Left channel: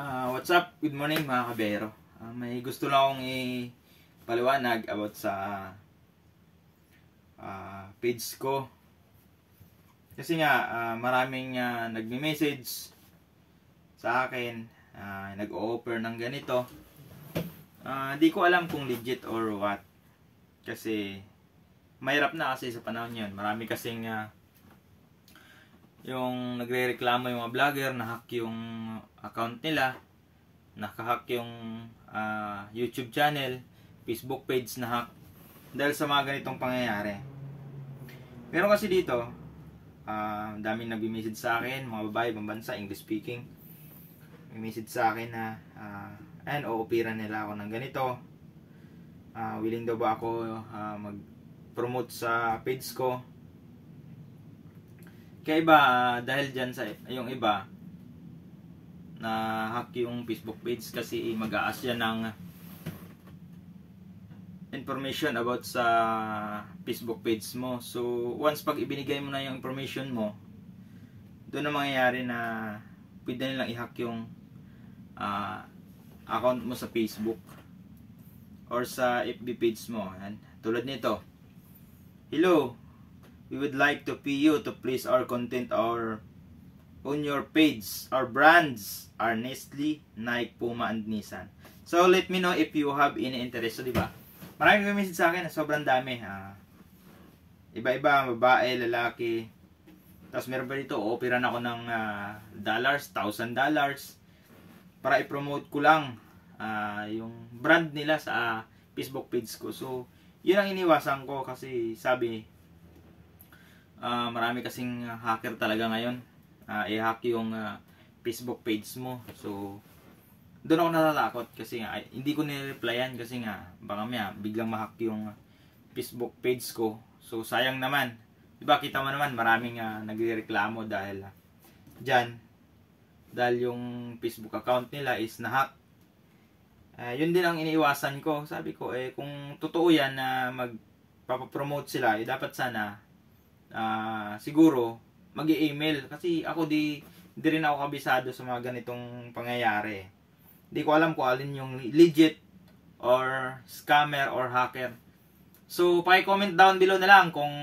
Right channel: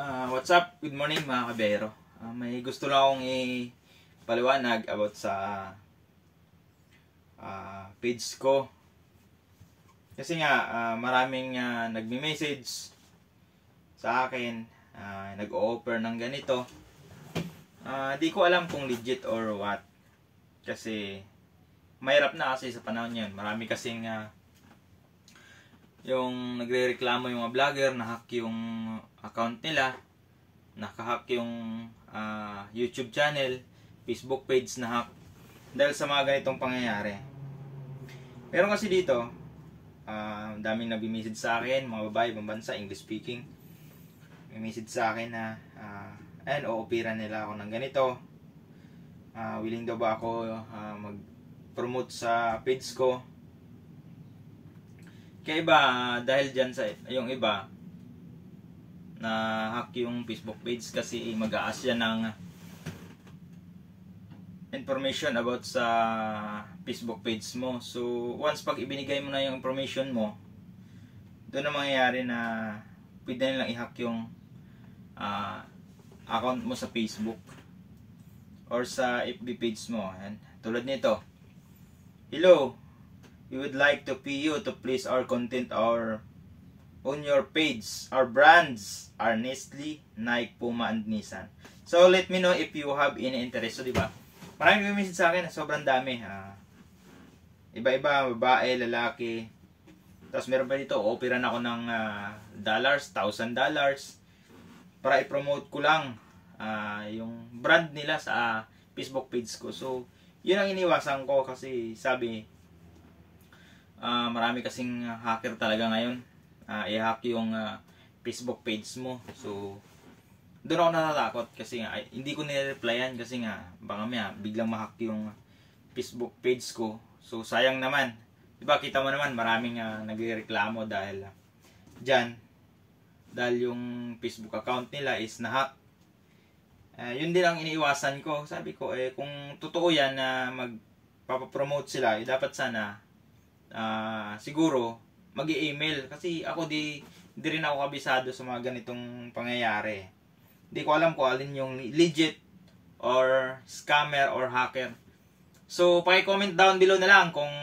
What's up? Good morning mga kabiyero. May gusto lang akong ipaliwanag about sa page ko. Kasi nga maraming nagme-message sa akin, nag-o-offer ng ganito. Di ko alam kung legit or what. Kasi mahirap na kasi sa panahon yun. Marami kasing yung nagre-reklamo yung mga vlogger, na-hack yung account nila, naka-hack yung YouTube channel, Facebook page na-hack dahil sa mga ganitong pangyayari. Meron kasi dito, daming nag-message sa akin, mga babae, ibang bansa, English speaking. May message sa akin na ayan, o-operan nila ako ng ganito. Willing daw ba ako mag-promote sa page ko. Kaya iba, dahil dyan sa yung iba na hack yung Facebook page kasi mag-a-ask yan ng information about sa Facebook page mo. So once pag ibinigay mo na yung information mo, doon na mangyayari na pwede nilang i-hack yung account mo sa Facebook or sa FB page mo. Ayan. Tulad nito, hello, we would like to pay you to place our content on your page. Our brands are Nestle, Nike, Puma, and Nissan. So let me know if you have any interest. So diba, maraming message sa akin, sobrang dami. Iba-iba, babae, lalaki. Tapos meron pa dito, operan ako ng $1,000 para i-promote ko lang yung brand nila sa Facebook page ko. So yun ang iniwasan ko kasi sabi, marami kasing hacker talaga ngayon, i-hack yung Facebook page mo. So doon ako natatakot kasi nga hindi ko nire-replyan kasi nga baka biglang ma-hack yung Facebook page ko. So sayang naman, diba, kita mo naman maraming nagrereklamo dahil dyan, dahil yung Facebook account nila is na-hack. Yun din ang iniiwasan ko. Sabi ko kung totoo yan na magpapapromote sila, dapat sana siguro mag-i-email kasi ako di rin ako kabisado sa mga ganitong pangyayari. Di ko alam kung alin yung legit or scammer or hacker. So paki-comment down below na lang kung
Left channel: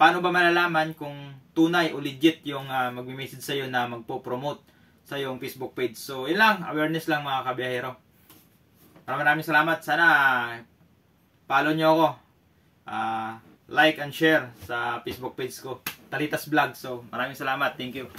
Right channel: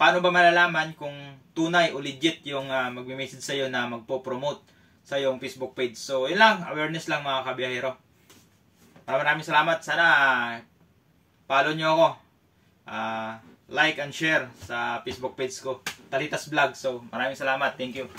paano ba malalaman kung tunay o legit yung magme-message sa iyo na magpo-promote sa iyong Facebook page. So yun lang, awareness lang mga kabiyahero. Maraming salamat. Sana follow nyo ako. Like and share sa Facebook page ko, Talitas Vlog. So maraming salamat, thank you.